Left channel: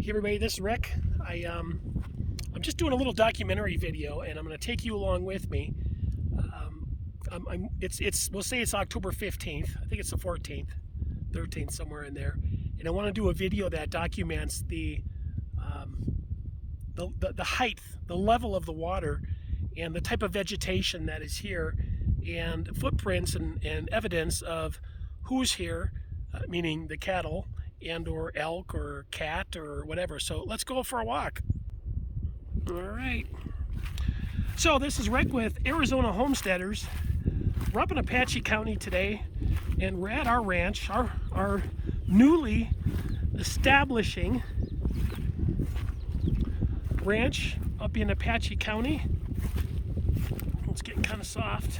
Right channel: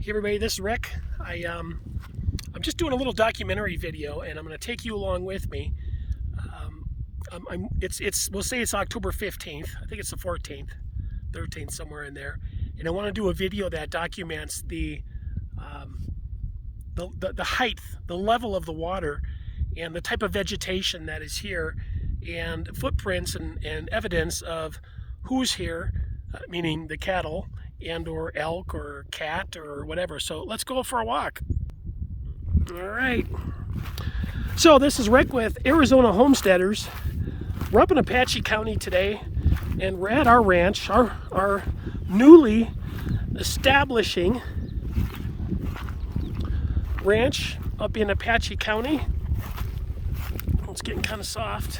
Hey everybody, this is Rick. I'm just doing a little documentary video, and I'm going to take you along with me. We'll say it's October 15th. I think it's the 14th, 13th, somewhere in there. And I want to do a video that documents the height, the level of the water, and the type of vegetation that is here, and footprints and evidence of who's here, meaning the cattle, and or elk or cat or whatever. So let's go for a walk. All right. So this is Rick with Arizona Homesteaders. We're up in Apache County today, and we're at our ranch, our newly establishing ranch up in Apache County. It's getting kind of soft.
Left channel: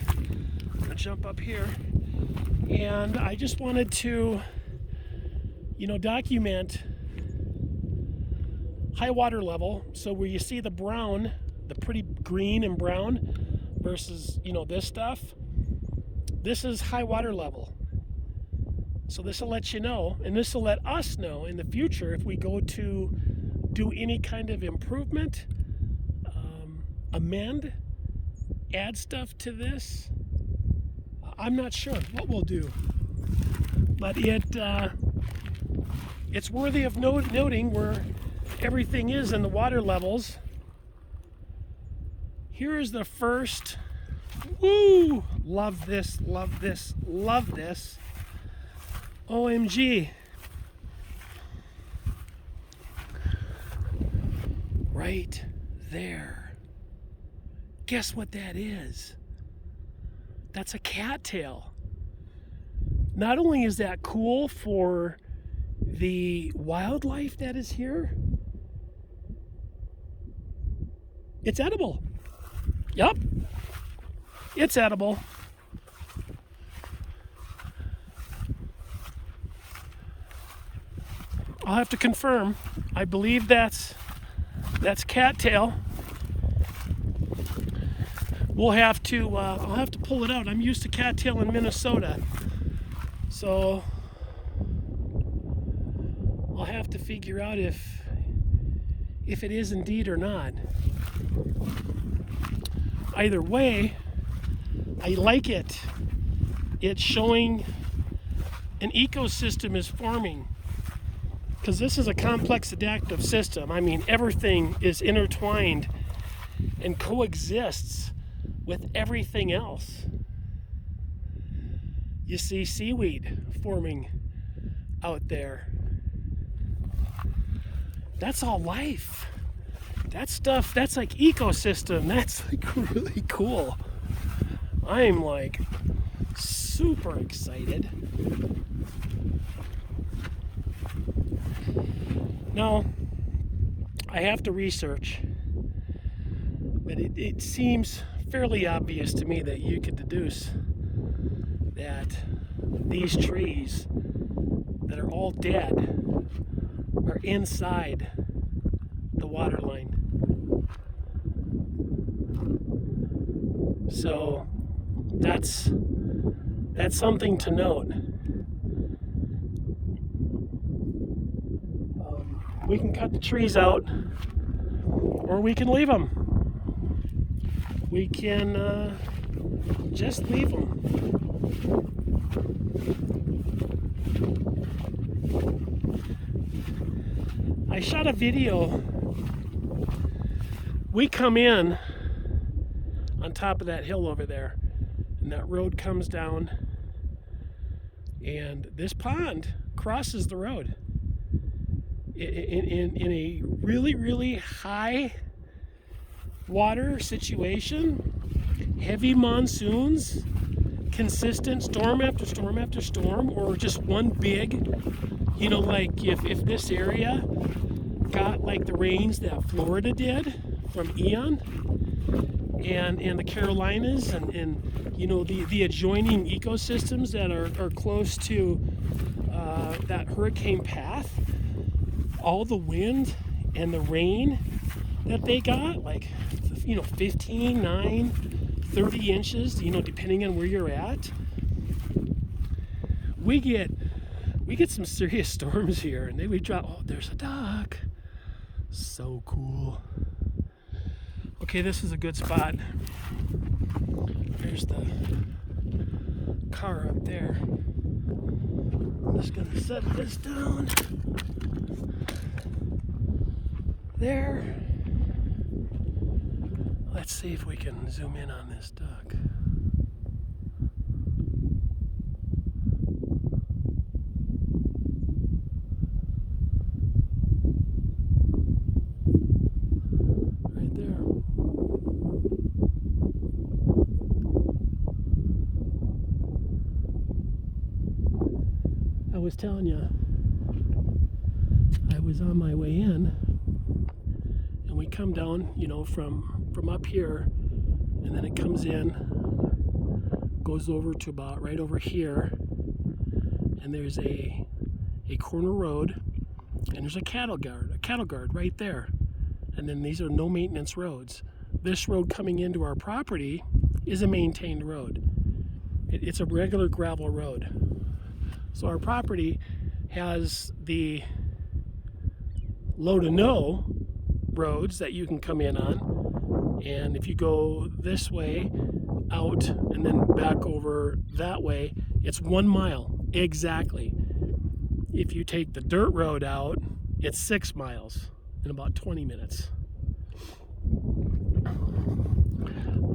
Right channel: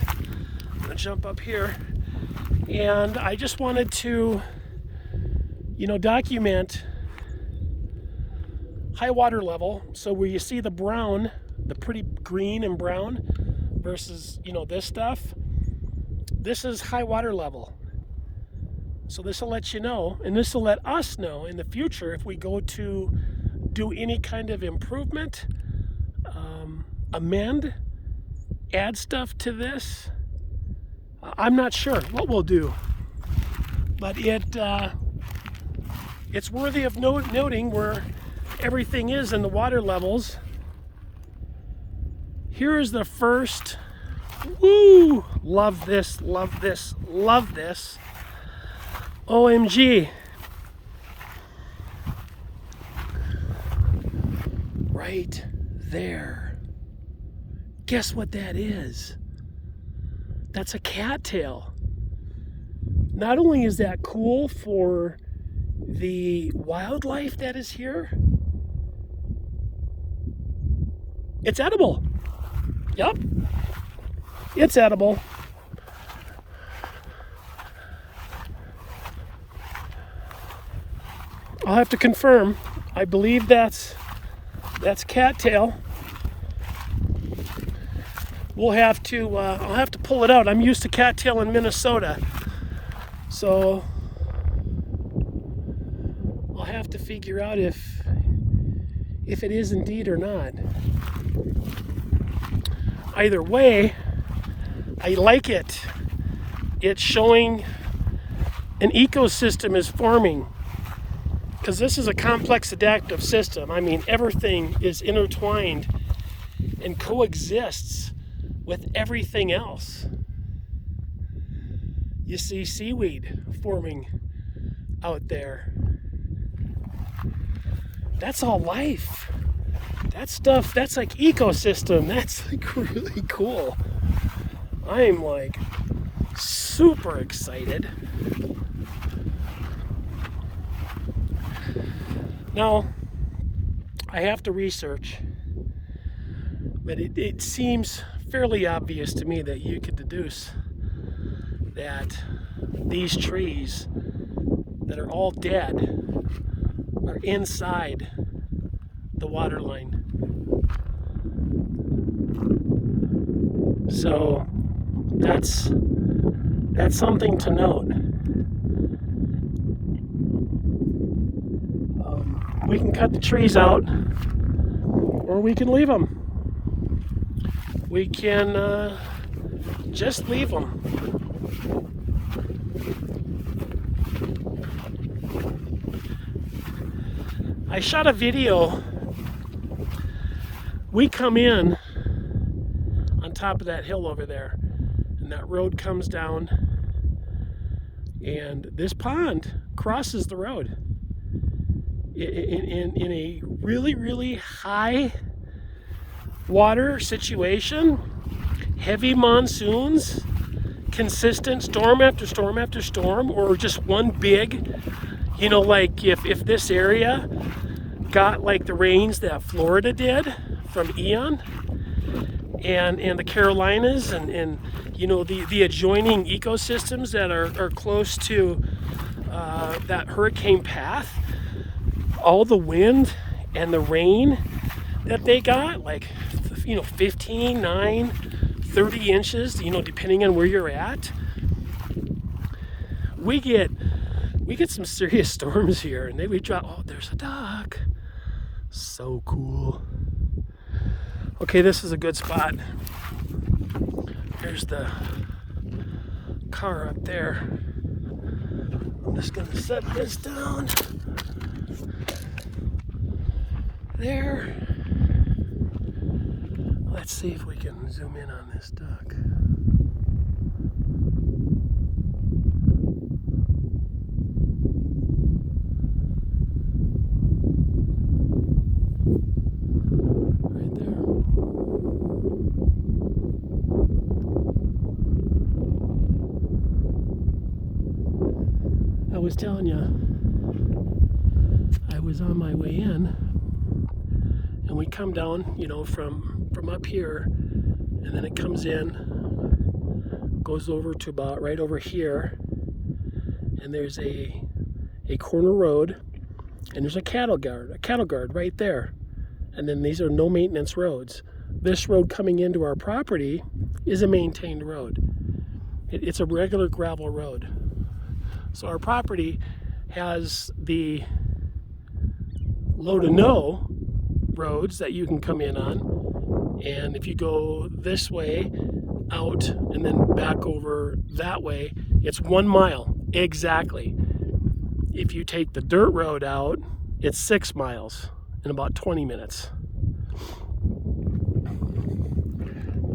I'm gonna jump up here, and I just wanted to document high water level. So where you see the brown, the pretty green and brown versus, this stuff, this is high water level. So this will let you know, and this will let us know in the future if we go to do any kind of improvement, amend, add stuff to this. I'm not sure what we'll do, but it's worthy of noting where everything is in the water levels. Here is the first, woo, love this, love this, love this. OMG. Right there. Guess what that is? That's a cattail. Not only is that cool for the wildlife that is here, it's edible. Yep, it's edible. I'll have to confirm. I believe that's cattail. We'll have to. I'll have to pull it out. I'm used to cattail in Minnesota, so I'll have to figure out if it is indeed or not. Either way, I like it. It's showing an ecosystem is forming, because this is a complex adaptive system. I mean, everything is intertwined and coexists with everything else. You see seaweed forming out there. That's all life. That stuff, that's like ecosystem. That's like really cool. I'm like super excited. Now, I have to research, but it seems fairly obvious to me that you could deduce that these trees that are all dead are inside the water line. So that's something to note. We can cut the trees out, or we can leave them. We can just leave them. I shot a video. We come in on top of that hill over there, and that road comes down, and this pond crosses the road in a really, really high water situation, heavy monsoons, consistent storm after storm after storm, or just one big, like if this area got like the rains that Florida did from Ian and the Carolinas and the adjoining ecosystems that are close to that hurricane path, all the wind and the rain that they got, like 15, 9, 30 inches, depending on where you're at. We get some serious storms here, and then we drop. Oh, there's a duck. So cool. Okay, this is a good spot. Here's the car up there. I'm just gonna set this down there. Let's see if we can zoom in on this duck. Right there. I was telling you, I was on my way in, and we come down, you know, from up here, and then it comes in, goes over to about right over here, and there's a corner road, and there's a cattle guard right there, and then these are no maintenance roads. This road coming into our property is a maintained road. It's a regular gravel road. So our property has the low to no roads that you can come in on. And if you go this way out and then back over that way, it's 1 mile exactly. If you take the dirt road out, it's 6 miles in about 20 minutes.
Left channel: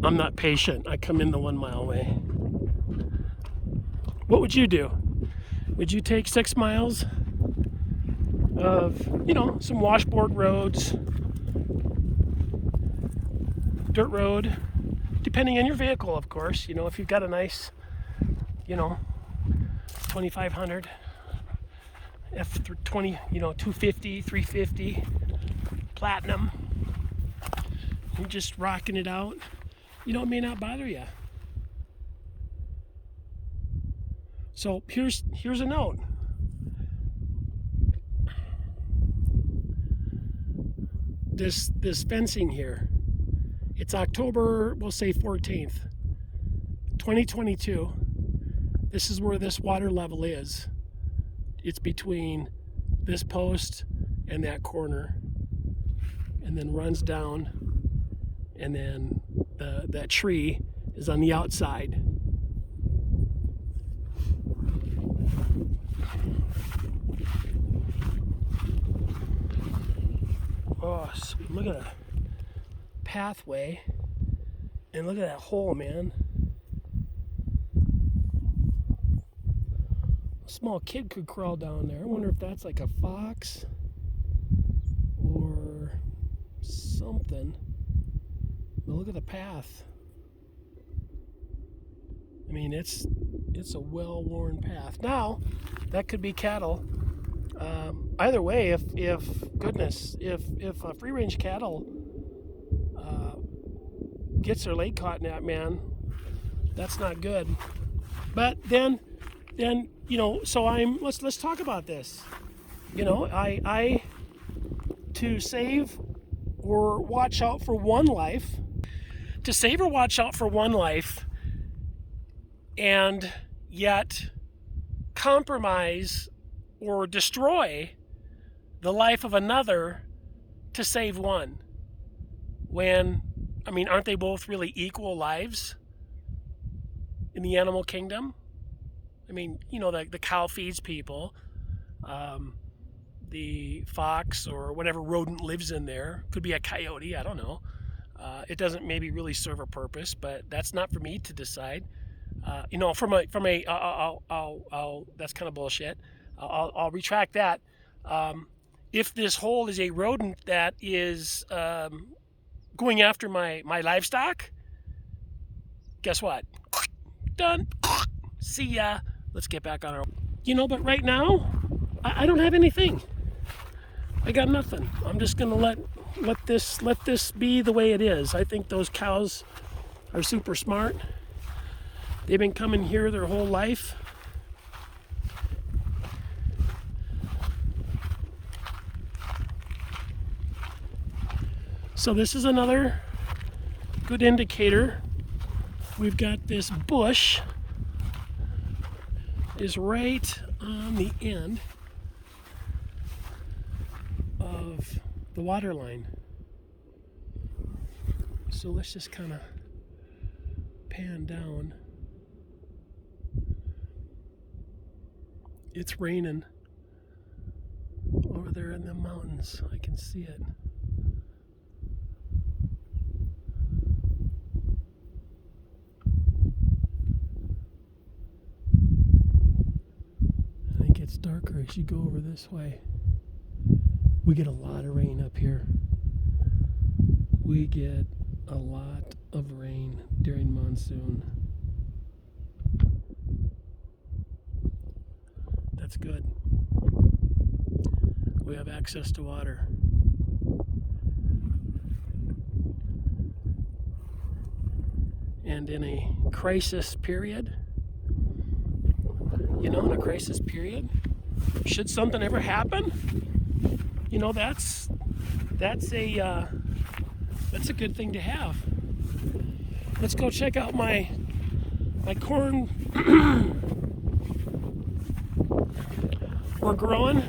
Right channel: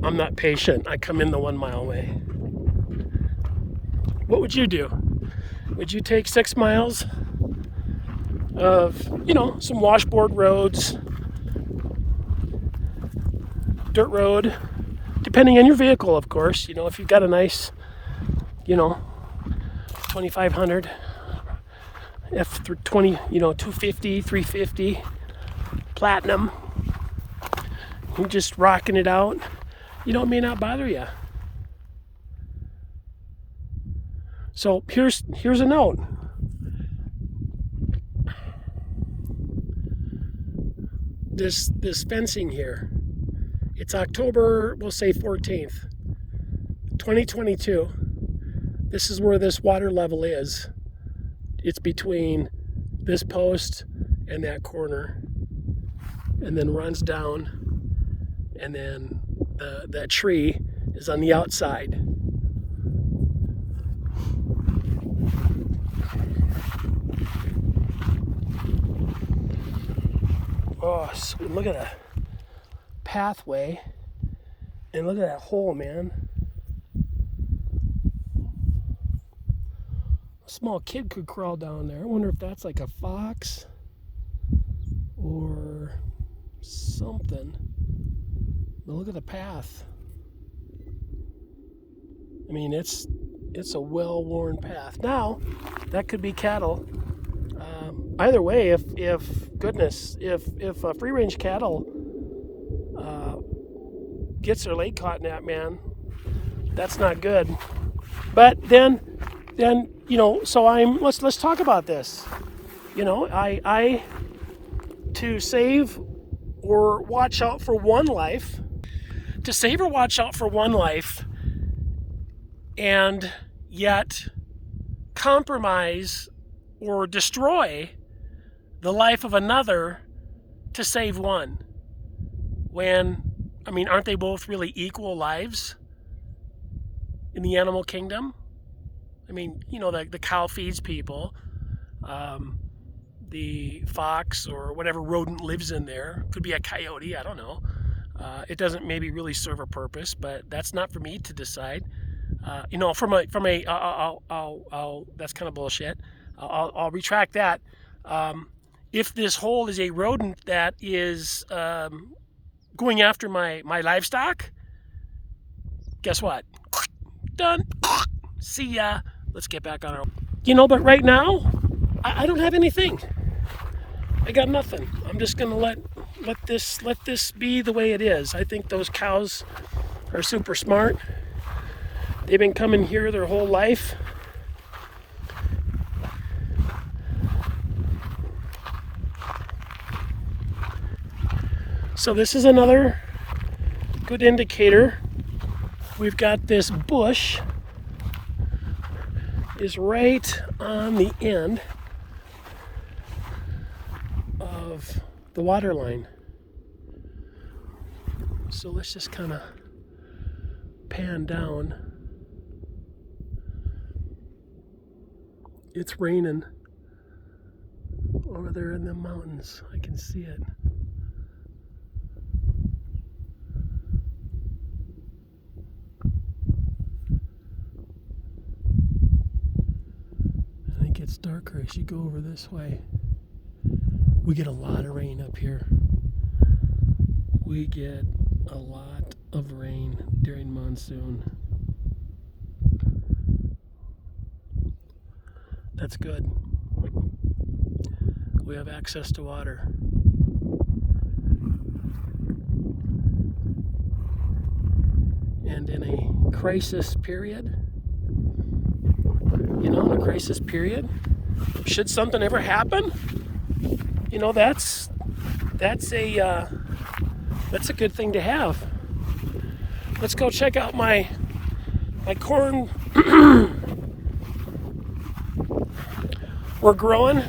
I'm not patient. I come in the 1 mile way. What would you do? Would you take 6 miles of, you know, some washboard roads, dirt road, depending on your vehicle, of course. You know, if you've got a nice, you know, 2500 F20, you know, 250, 350, platinum, you're just rocking it out, you know, it may not bother you. So here's a note. This fencing here, it's October, we'll say 14th, 2022. This is where this water level is. It's between this post and that corner, and then runs down, and then that tree is on the outside. Oh, sweet. Look at that pathway, and look at that hole, man. A small kid could crawl down there. I wonder if that's like a fox or something. But look at the path. I mean, it's a well-worn path. Now, that could be cattle. Either way, if free-range cattle gets their leg caught in that, man, that's not good. But then you know, so let's talk about this. You know, I to save or watch out for one life, and yet compromise or destroy the life of another to save one. When, I mean, aren't they both really equal lives in the animal kingdom? I mean, you know, the cow feeds people. The fox or whatever rodent lives in there, could be a coyote, I don't know. It doesn't maybe really serve a purpose, but that's not for me to decide. You know, that's kind of bullshit. I'll retract that. If this hole is a rodent that is going after my livestock, guess what? Done. See ya. Let's get back on our... You know, but right now, I don't have anything. I got nothing. I'm just gonna let this be the way it is. I think those cows are super smart. They've been coming here their whole life. So this is another good indicator. We've got this bush is right on the end of the water line. So let's just kind of pan down. It's raining over there in the mountains. I can see it. And it gets darker as you go over this way. We get a lot of rain up here. We get a lot of rain during monsoon. That's good. We have access to water. And in a crisis period, in a crisis period, should something ever happen, that's a good thing to have. Let's go check out my corn we're growing.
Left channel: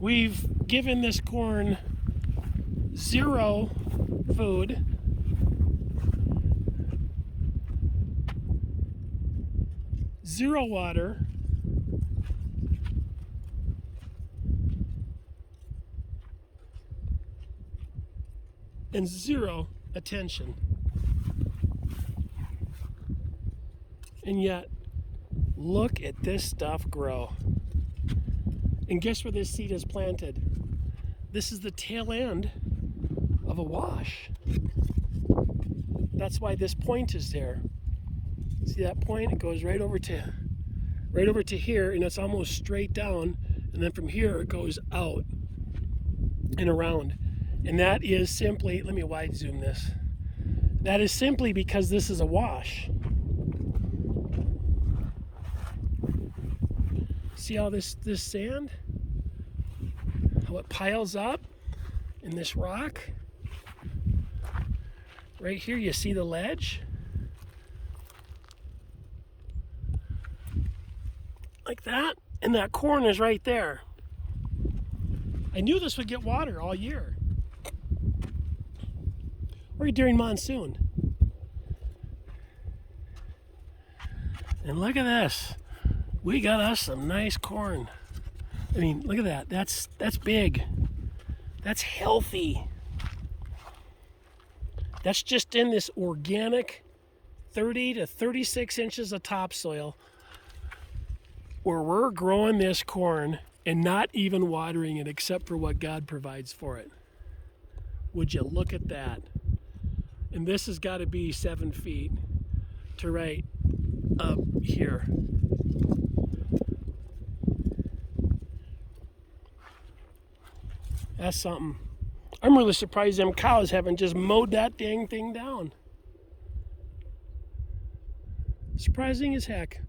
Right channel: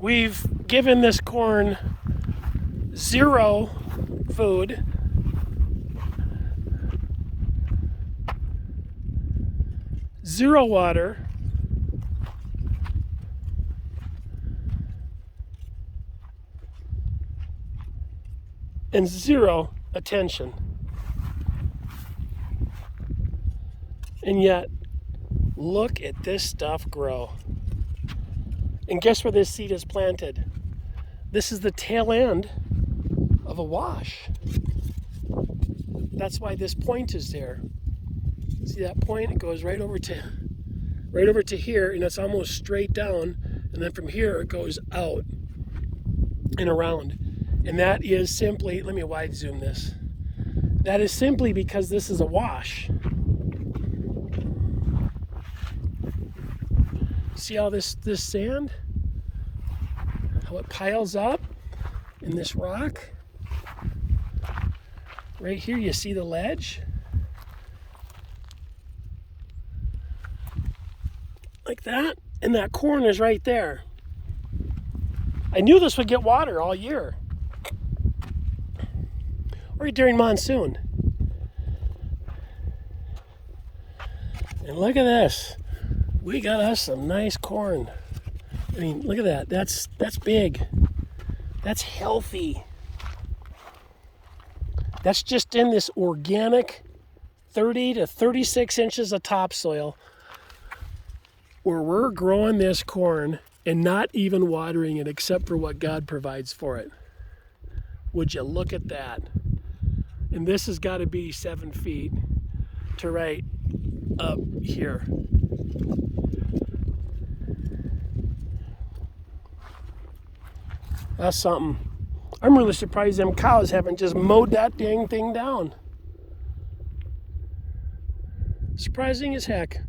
We've given this corn 0 food. Zero water. And 0 attention. And yet, look at this stuff grow. And guess where this seed is planted? This is the tail end of a wash. That's why this point is there. See that point? It goes right over to here, and it's almost straight down. And then from here, it goes out and around. And that is simply, let me wide zoom this. That is simply because this is a wash. See all this sand? How it piles up in this rock? Right here, you see the ledge? Like that, and that corn is right there. I knew this would get water all year. Or during monsoon. And look at this. We got us some nice corn. I mean, look at that. That's big. That's healthy. That's just in this organic 30 to 36 inches of topsoil where we're growing this corn and not even watering it except for what God provides for it. Would you look at that? And this has got to be 7 feet to right up here. That's something. I'm really surprised them cows haven't just mowed that dang thing down. Surprising as heck.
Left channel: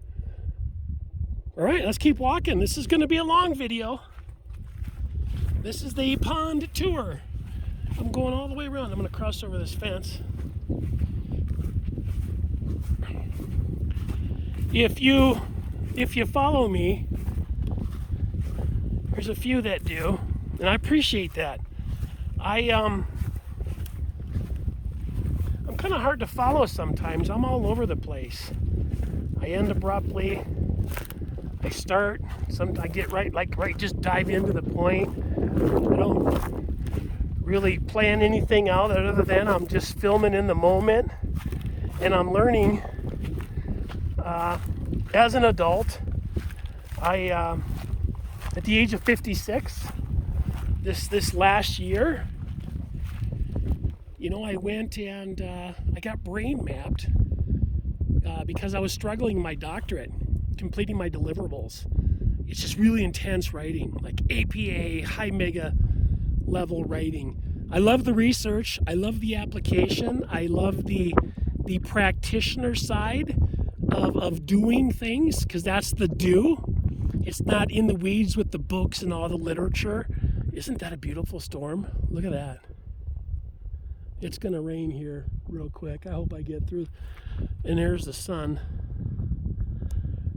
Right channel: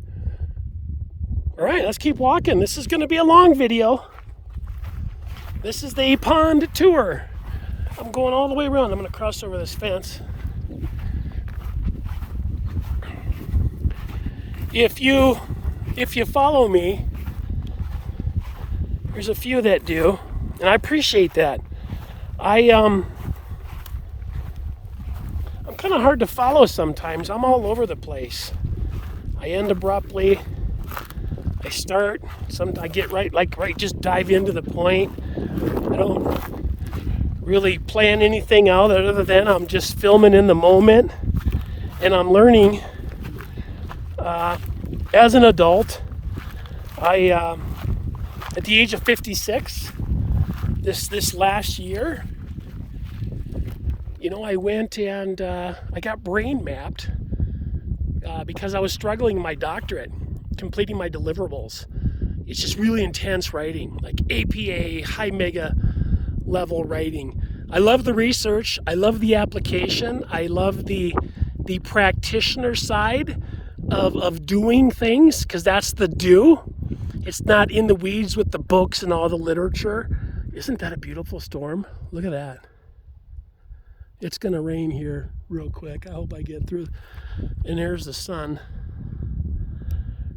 All right, let's keep walking. This is going to be a long video. This is the pond tour. I'm going all the way around. I'm going to cross over this fence. If you follow me, there's a few that do, and I appreciate that. I'm kind of hard to follow sometimes. I'm all over the place. I end abruptly. I start. I get right, just dive into the point. I don't really plan anything out other than I'm just filming in the moment, and I'm learning. As an adult, at the age of 56, this last year, I went and I got brain mapped because I was struggling in my doctorate, completing my deliverables. It's just really intense writing, like APA, high mega level writing. I love the research. I love the application. I love the practitioner side of doing things, because that's the do. It's not in the weeds with the books and all the literature. Isn't that a beautiful storm? Look at that. It's gonna rain here real quick. I hope I get through. And there's the sun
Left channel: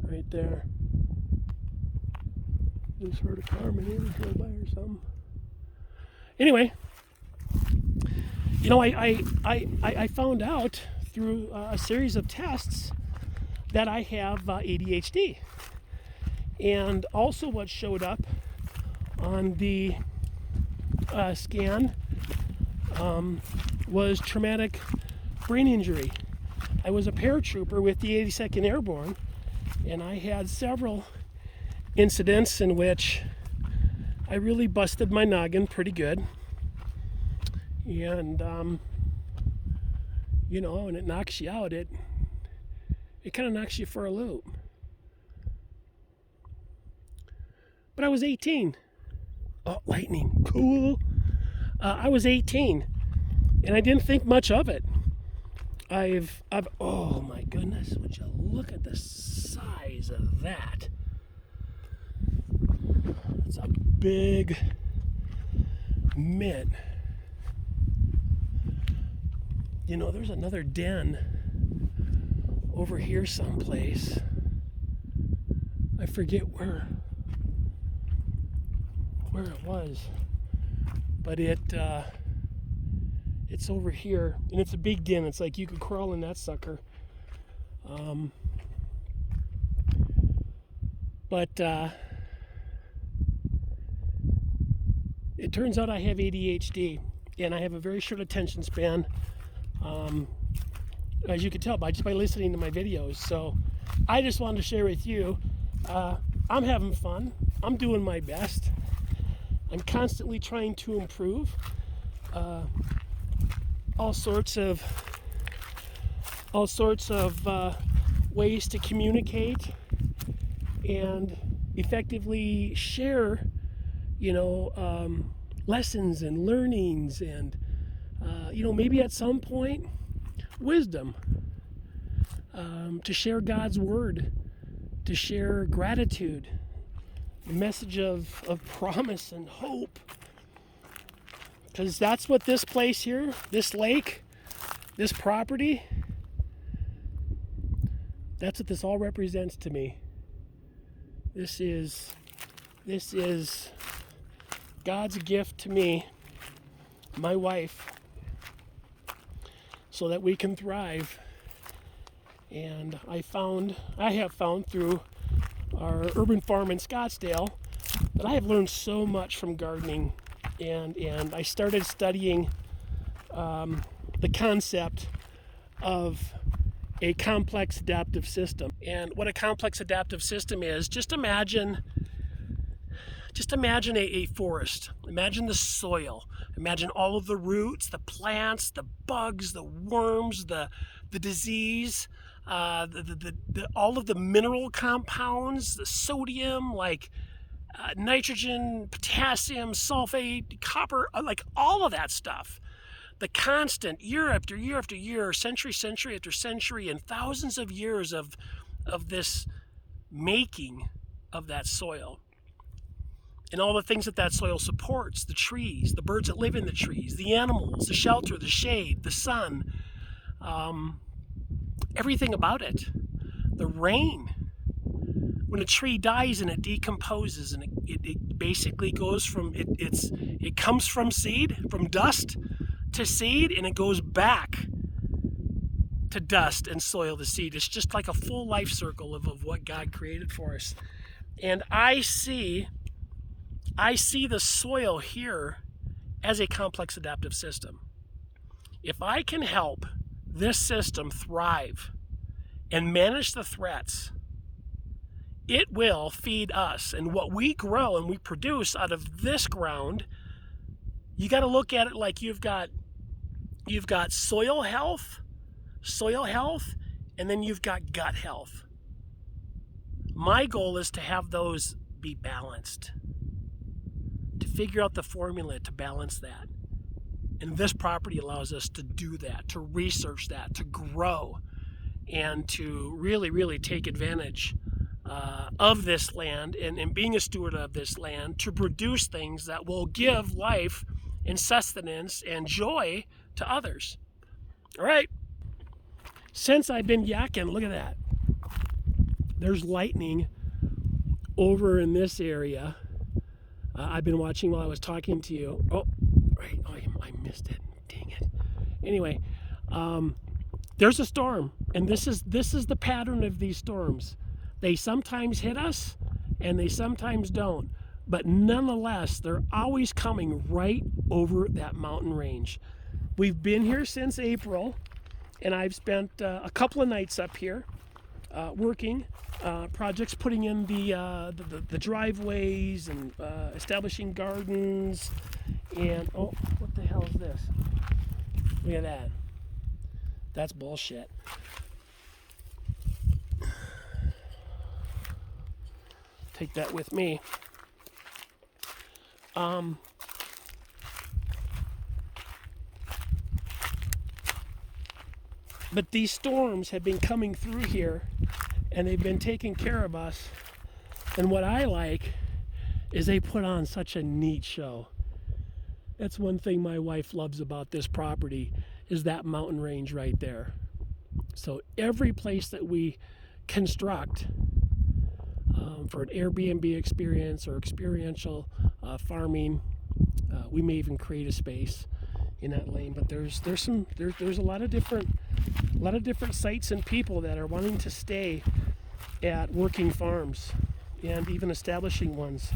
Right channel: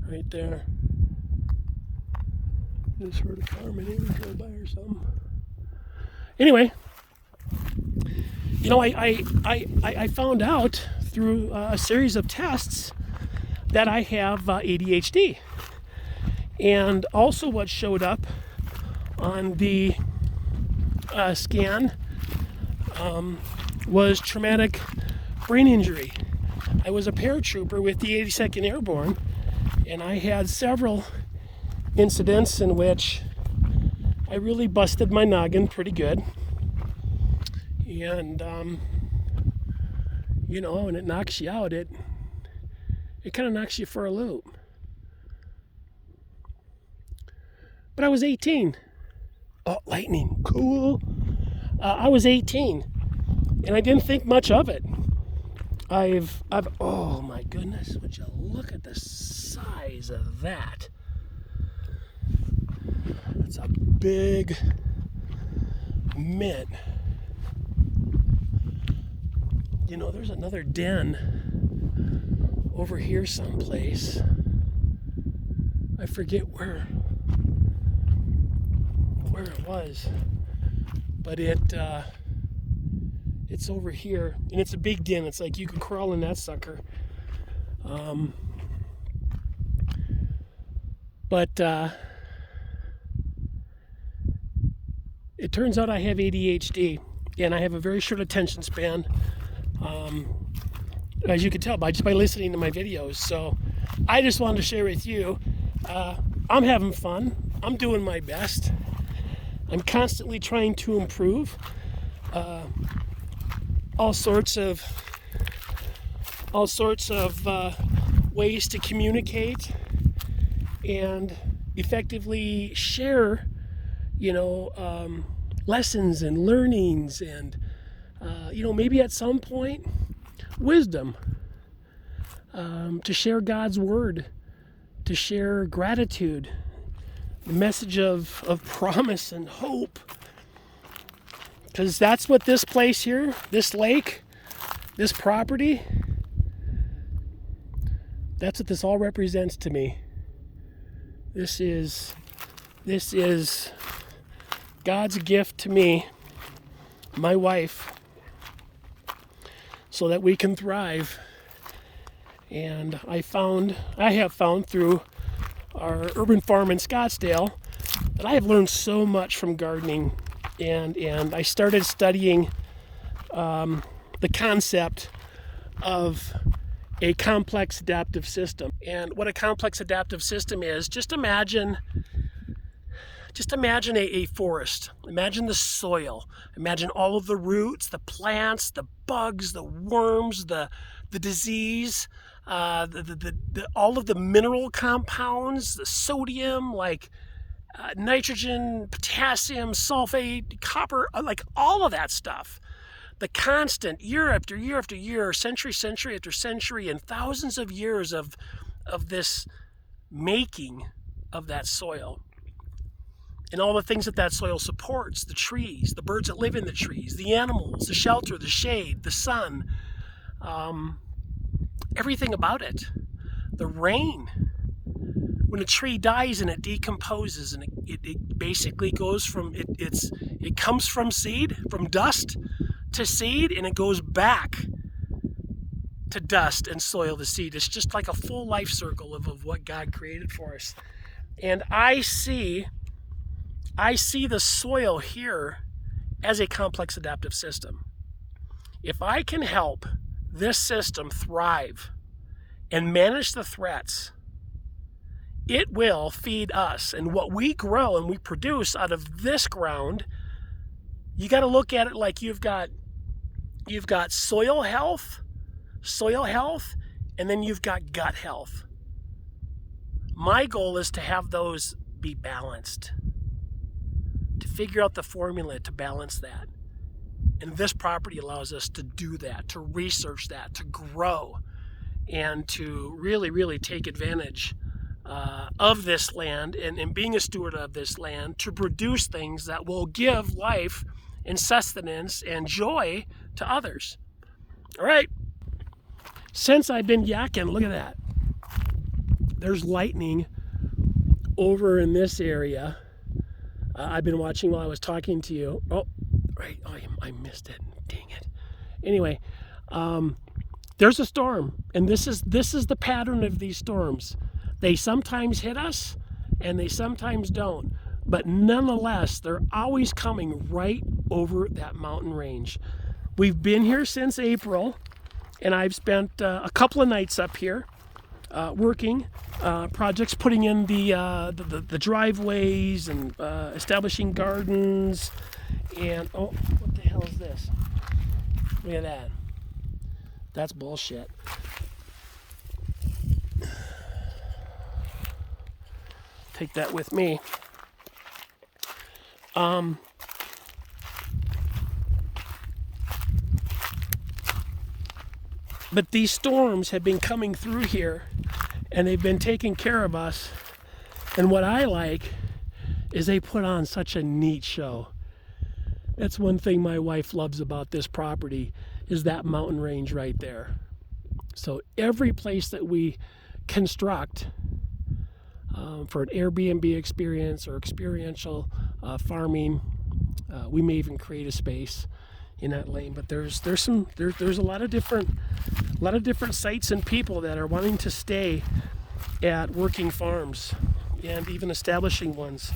right there. Just heard a car maybe drove by or something. Anyway, you know, I found out through a series of tests that I have ADHD. And also what showed up on the scan was traumatic brain injury. I was a paratrooper with the 82nd Airborne, and I had several incidents in which I really busted my noggin pretty good. And, you know, when it knocks you out, it kind of knocks you for a loop. But I was 18. Oh, lightning, cool. I was 18, and I didn't think much of it. I've oh my goodness, would you look at the size of that? It's a big mint. You know, there's another den over here someplace. I forget where it was, but it's over here, and it's a big den. It's like you could crawl in that sucker. But it turns out I have ADHD, and I have a very short attention span, as you can tell by listening to my videos. So I just wanted to share with you, I'm having fun. I'm doing my best. I'm constantly trying to improve all sorts of ways to communicate and effectively share, you know, lessons and learnings, and you know, maybe at some point wisdom, to share God's word, to share gratitude, the message of promise and hope. Because that's what this place here, this lake, this property, that's what this all represents to me. This is God's gift to me, my wife, so that we can thrive. And I have found through our urban farm in Scottsdale that I have learned so much from gardening, and I started studying the concept of a complex adaptive system. And what a complex adaptive system is, just imagine a forest. Imagine the soil. Imagine all of the roots, the plants, the bugs, the worms, the disease, all of the mineral compounds, the sodium, like nitrogen, potassium, sulfate, copper, like all of that stuff. The constant, year after year after year, century after century, and thousands of years of this making of that soil. And all the things that soil supports, the trees, the birds that live in the trees, the animals, the shelter, the shade, the sun, everything about it. The rain. When a tree dies and it decomposes, and it basically goes from, it comes from seed, from dust to seed, and it goes back to dust and soil to seed. It's just like a full life circle of what God created for us. And I see the soil here as a complex adaptive system. If I can help this system thrive and manage the threats, it will feed us. And what we grow and we produce out of this ground, you got to look at it like you've got soil health, and then you've got gut health. My goal is to have those be balanced, to figure out the formula to balance that. And this property allows us to do that, to research that, to grow, and to really, really take advantage of this land, and being a steward of this land, to produce things that will give life and sustenance and joy to others. All right. Since I've been yakking, look at that. there's lightning over in this area. I've been watching while I was talking to you. Oh, right. Oh, I missed it. Dang it. Anyway, there's a storm, and this is the pattern of these storms. They sometimes hit us, and they sometimes don't. But nonetheless, they're always coming right over that mountain range. We've been here since April, and I've spent a couple of nights up here working projects, putting in the driveways and establishing gardens. And oh, what the hell is this? Look at that. That's bullshit. Take that with me. But these storms have been coming through here, and they've been taking care of us. And what I like is they put on such a neat show. That's one thing my wife loves about this property, is that mountain range right there. So every place that we construct for an Airbnb experience or experiential farming, we may even create a space in that lane. But there's a lot of different sites and people that are wanting to stay at working farms and even establishing ones.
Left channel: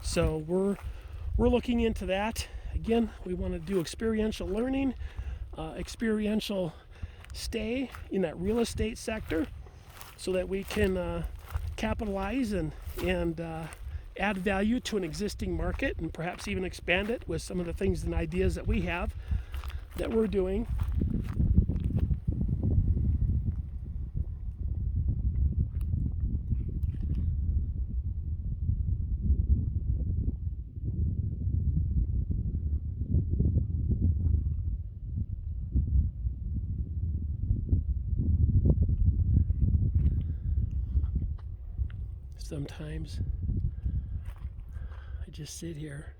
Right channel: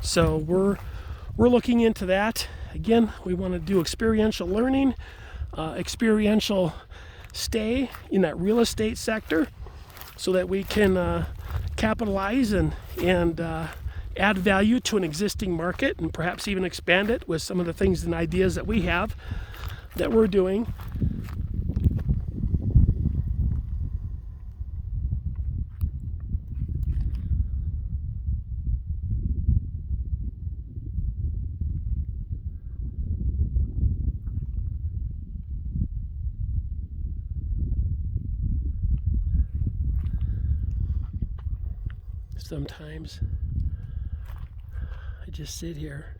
So we're looking into that. Again, we want to do experiential learning, experiential stay in that real estate sector, so that we can capitalize and add value to an existing market, and perhaps even expand it with some of the things and ideas that we have that we're doing. Sometimes I just sit here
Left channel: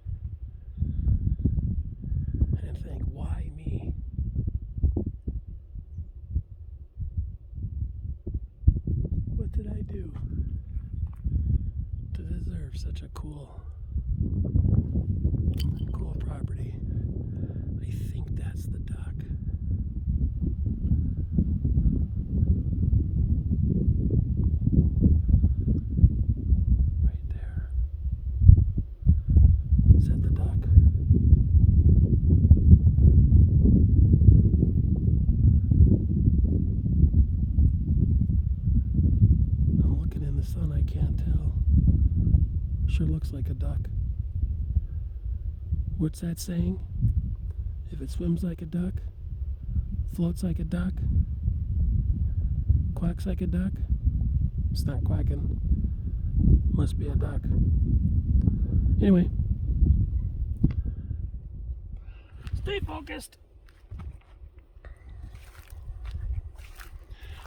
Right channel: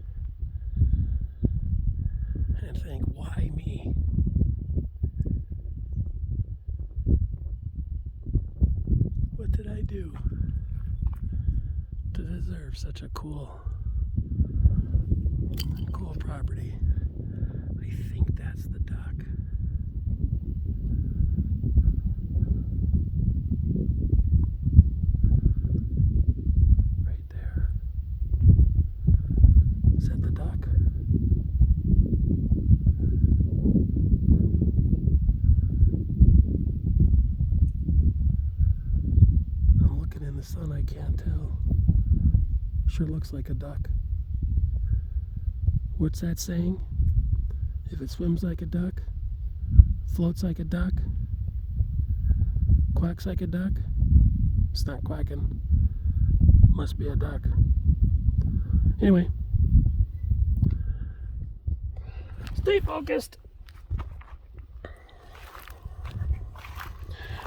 and think, why me? What did I do to deserve such a cool property? I think that's the duck. The sun, I can't tell. Sure looks like a duck. What's that saying? If it swims like a duck, floats like a duck, quacks like a duck, it's not quacking. Must be a duck. Anyway, stay focused.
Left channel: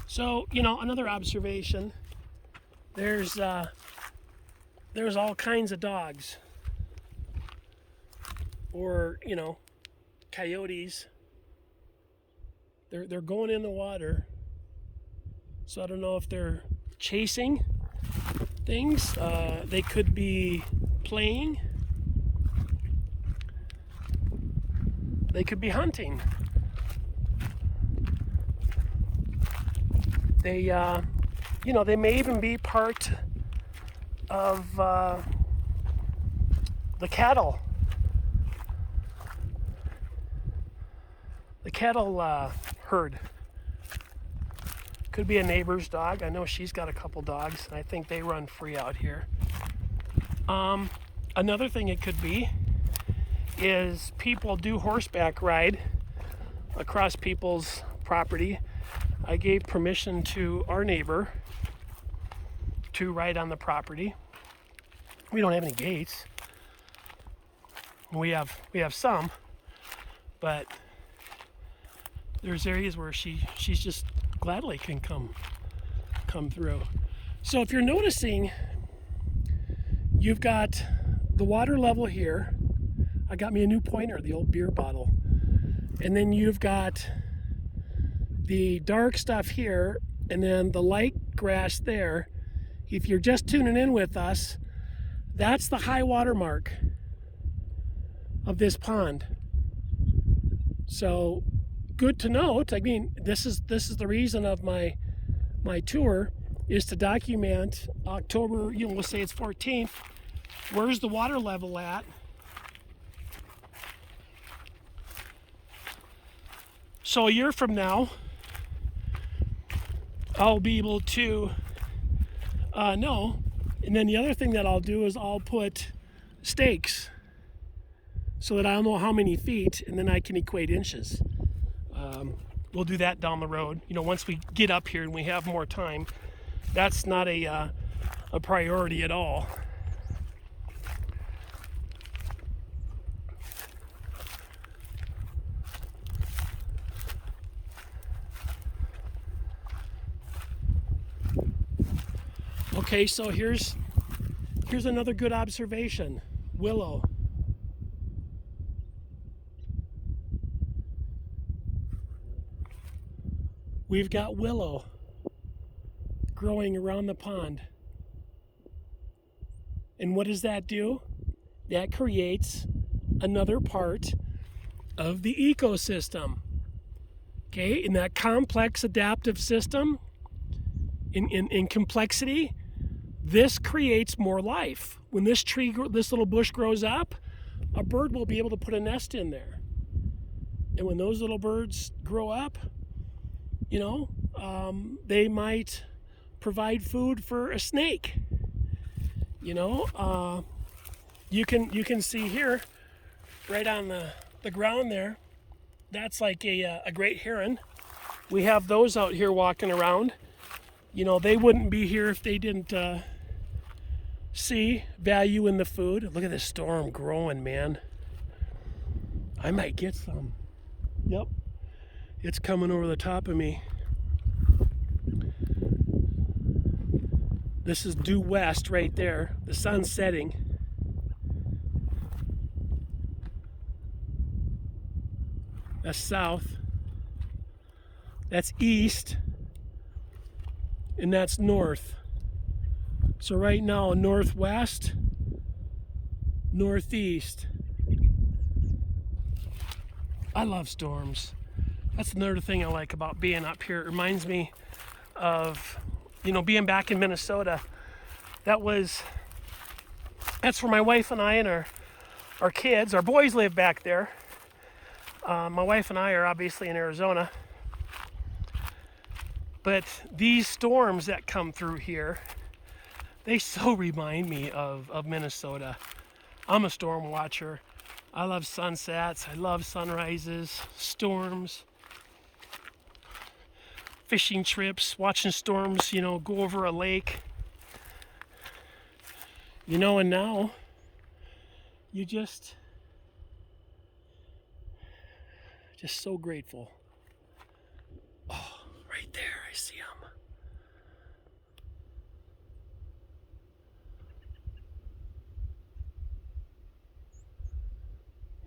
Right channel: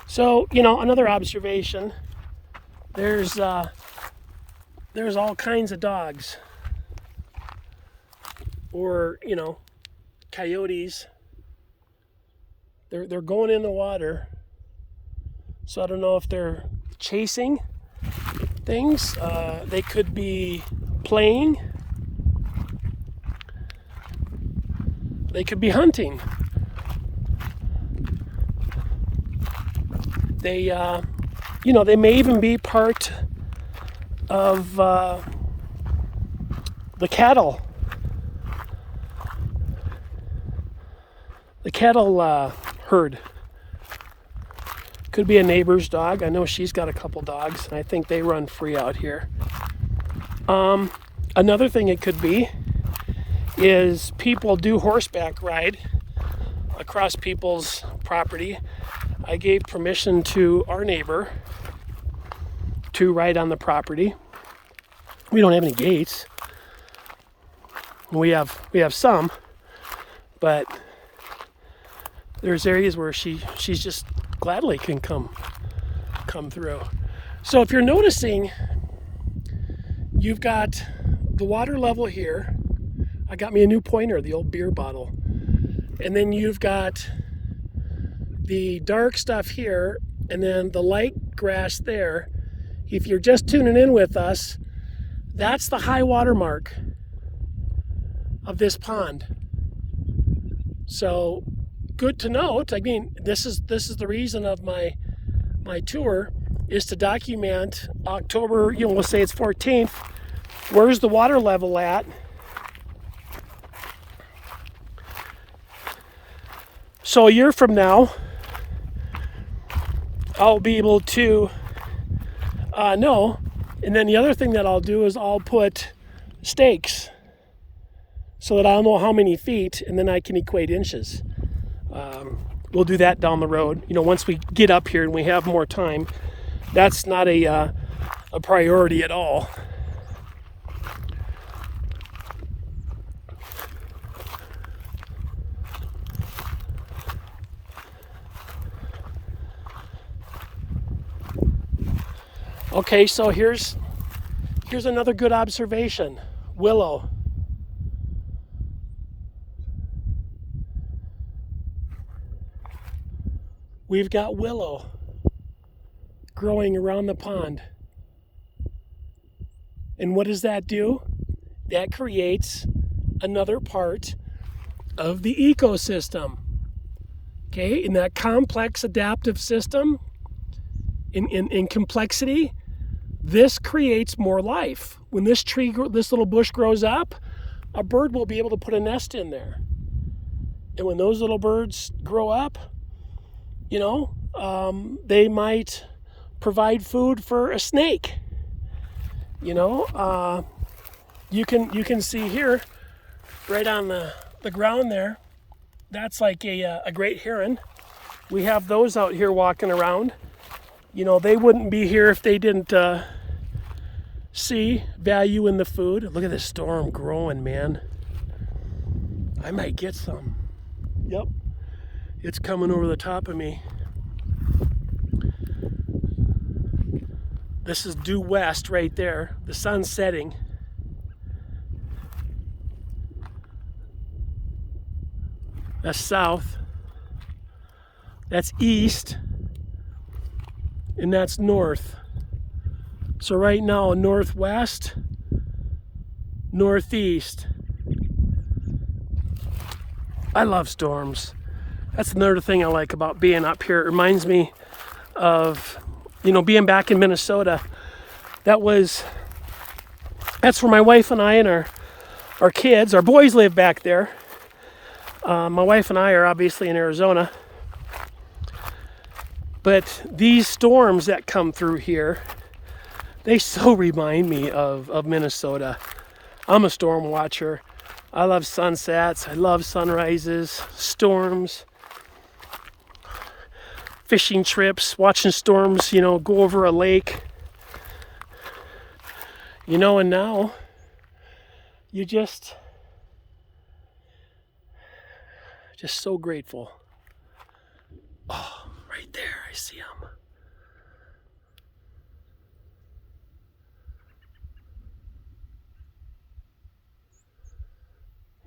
So, another observation. There's all kinds of dogs, or coyotes. They're going in the water. So I don't know if they're chasing things. They could be playing. They could be hunting. They may even be part of the cattle. The cattle herd. Could be a neighbor's dog. I know she's got a couple dogs, and I think they run free out here. Another thing it could be is people do horseback ride across people's property. I gave permission to our neighbor to ride on the property. We don't have any gates. We have some, but there's areas where she's just gladly can come through. So if you're noticing, you've got the water level here. I got me a new pointer, the old beer bottle. And then you've got the dark stuff here, and then the light grass there. If you're just tuning in with us, that's the high water mark of this pond. So good to note. I mean, this is the reason of my tour, is to document October, we'll say it's 14th. Where's the water level at? So a year from now, I'll be able to know. And then the other thing that I'll do is I'll put stakes so that I'll know how many feet, and then I can equate inches. We'll do that down the road. Once we get up here and we have more time. That's not a priority at all. Okay, so here's another good observation. Willow. We've got willow growing around the pond. And what does that do? That creates another part of the ecosystem. Okay, in that complex adaptive system, in complexity, this creates more life. When this little bush grows up, a bird will be able to put a nest in there. And when those little birds grow up, they might provide food for a snake. You can see here, right on the ground there, that's like a great heron. We have those out here walking around. They wouldn't be here if they didn't see value in the food. Look at this storm growing, man. I might get some. Yep, it's coming over the top of me. This is due west right there. The sun's setting. That's south. That's east. And that's north. So right now, northwest, northeast. I love storms. That's another thing I like about being up here. It reminds me of being back in Minnesota. That's where my wife and I and our kids, our boys live back there. My wife and I are obviously in Arizona. But these storms that come through here, they so remind me of Minnesota. I'm a storm watcher. I love sunsets. I love sunrises, storms. Fishing trips, watching storms, go over a lake. And now you just so grateful. Oh, right there, I see him.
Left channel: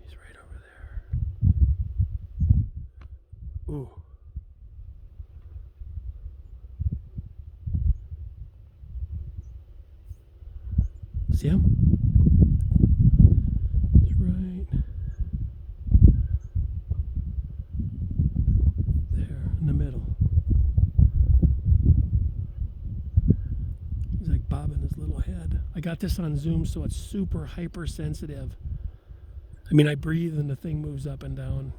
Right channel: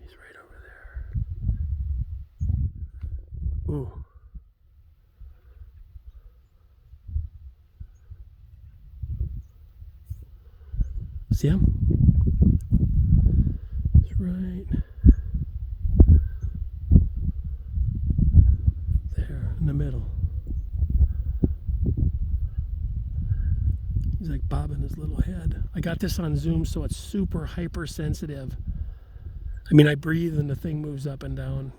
He's right over there. Ooh. See him? He's right there in the middle. He's like bobbing his little head. I got this on Zoom, so it's super hypersensitive. I mean, I breathe and the thing moves up and down.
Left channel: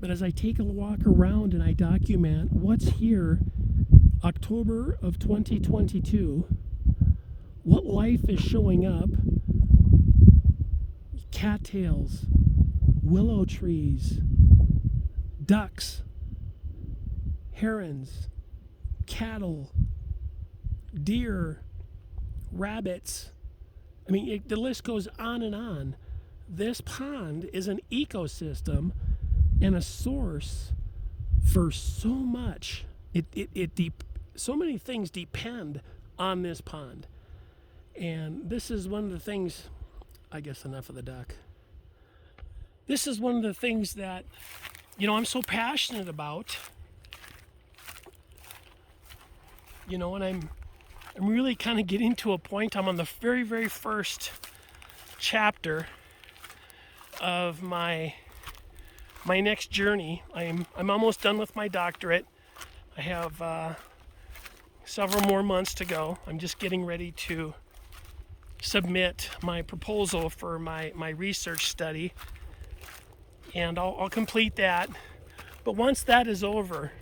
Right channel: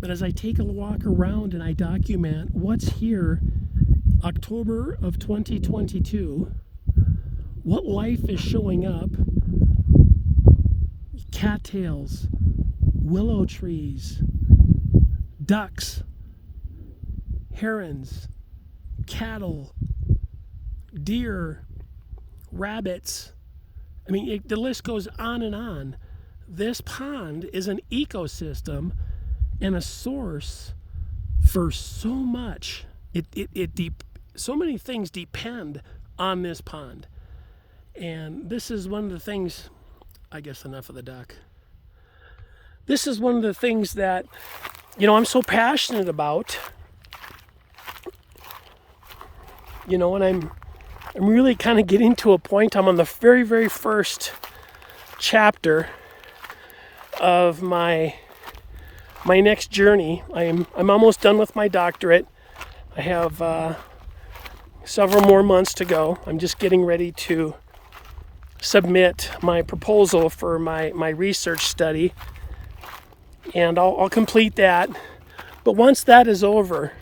But as I take a walk around and I document what's here, October of 2022, what life is showing up: cattails, willow trees, ducks, herons, cattle, deer, rabbits. I mean, the list goes on and on. This pond is an ecosystem and a source for so much. So many things depend on this pond. And this is one of the things, I guess enough of the duck. This is one of the things that, I'm so passionate about. you know, and I'm really kind of getting to a point. I'm on the very, very first chapter of my next journey. I'm almost done with my doctorate. I have several more months to go. I'm just getting ready to submit my proposal for my research study, and I'll complete that. But once that is over,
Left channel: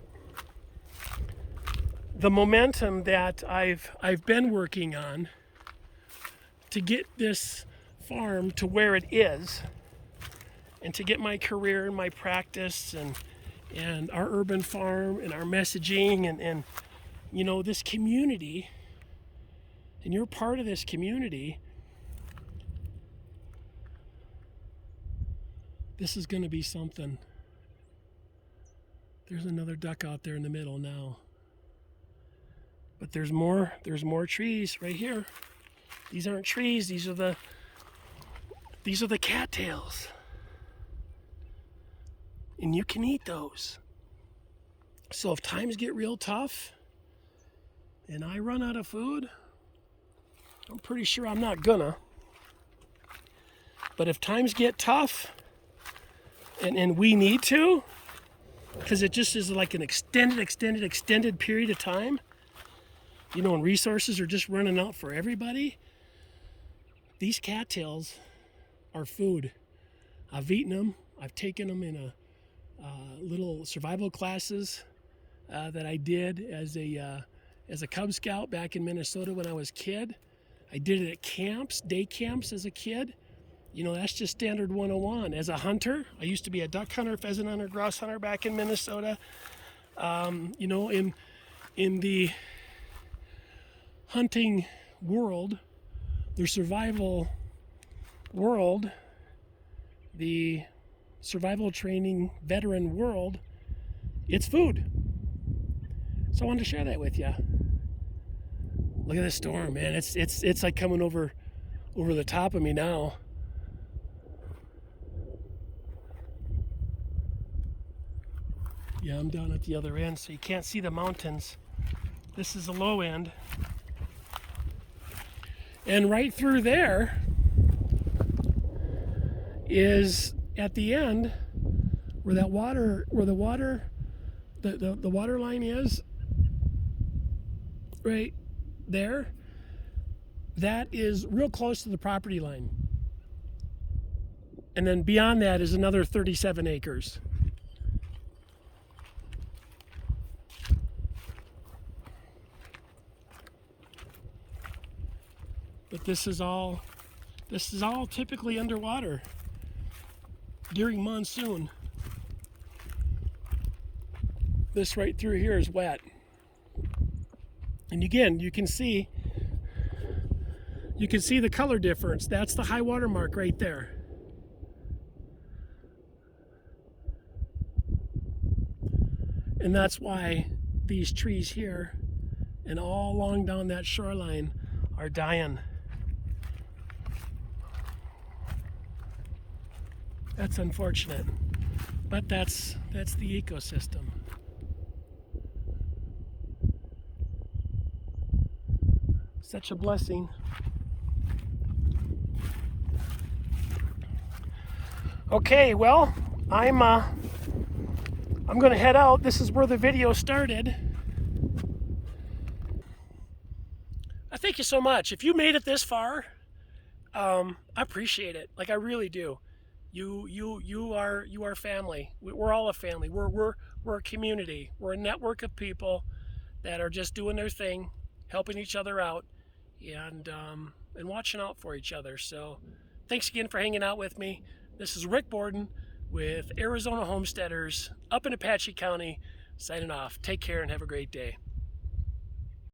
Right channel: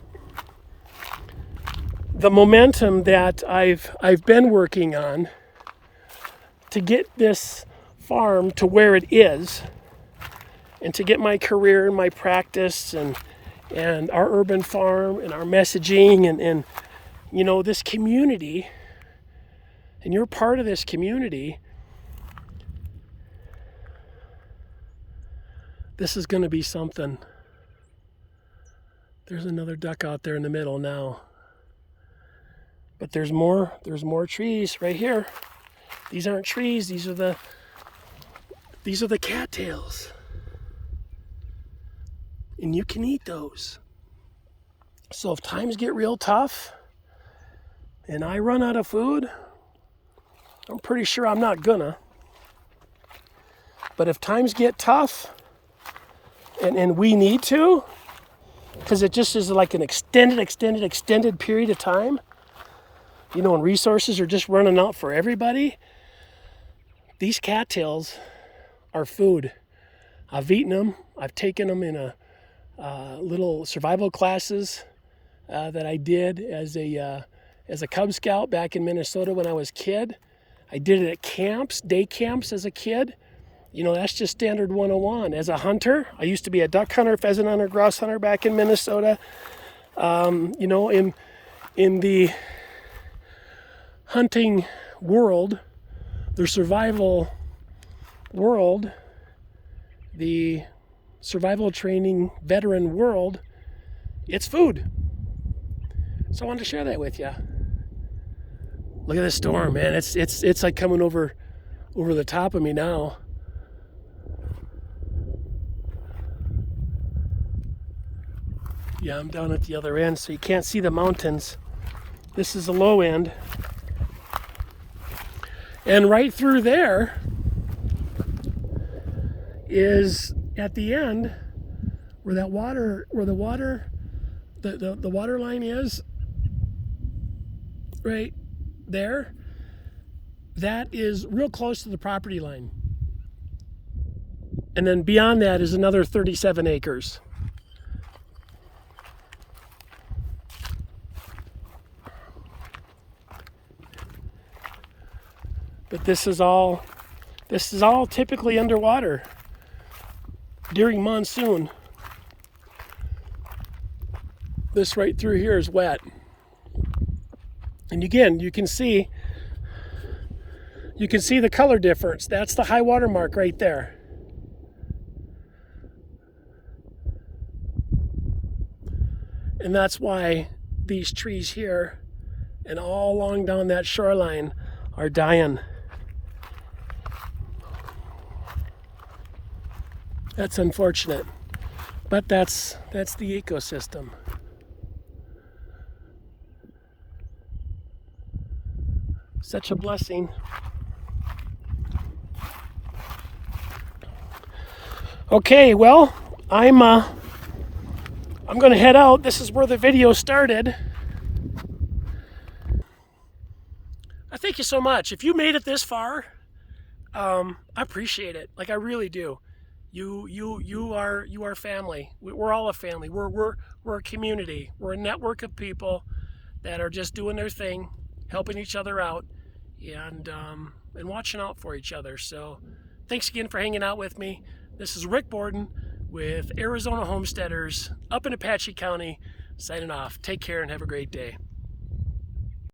the momentum that I've been working on to get this farm to where it is, and to get my career and my practice and our urban farm and our messaging and you know, this community, and you're part of this community, this is going to be something. There's another duck out there in the middle now. But there's more trees right here. These aren't trees, these are the cattails. And you can eat those. So if times get real tough and I run out of food, I'm pretty sure I'm not gonna. But if times get tough and we need to, because it just is like an extended period of time, you know, and resources are just running out for everybody, these cattails are food. I've eaten them. I've taken them in little survival classes that I did as a Cub Scout back in Minnesota when I was a kid. I did it at camps, day camps as a kid. You know, that's just standard 101. As a hunter, I used to be a duck hunter, pheasant hunter, grouse hunter back in Minnesota. You know, in the hunting world, the survival world, the survival training veteran world, it's food. So I wanted to share that with you. Look at this storm, man. It's like coming over the top of me now. Yeah, I'm down at the other end, so you can't see the mountains. This is the low end. And right through there is at the end where the water line is, right there, that is real close to the property line. And then beyond that is another 37 acres. But this is all typically underwater during monsoon. This right through here is wet. And again, you can see the color difference. That's the high water mark right there. And that's why these trees here and all along down that shoreline are dying. That's unfortunate, but that's the ecosystem. Such a blessing. Okay, well, I'm going to head out. This is where the video started. I thank you so much. If you made it this far, I appreciate it. Like, I really do. You are family. We're all a family. We're a community. We're a network of people that are just doing their thing, helping each other out, and watching out for each other. So thanks again for hanging out with me. This is Rick Borden with Arizona Homesteaders up in Apache County, signing off. Take care and have a great day.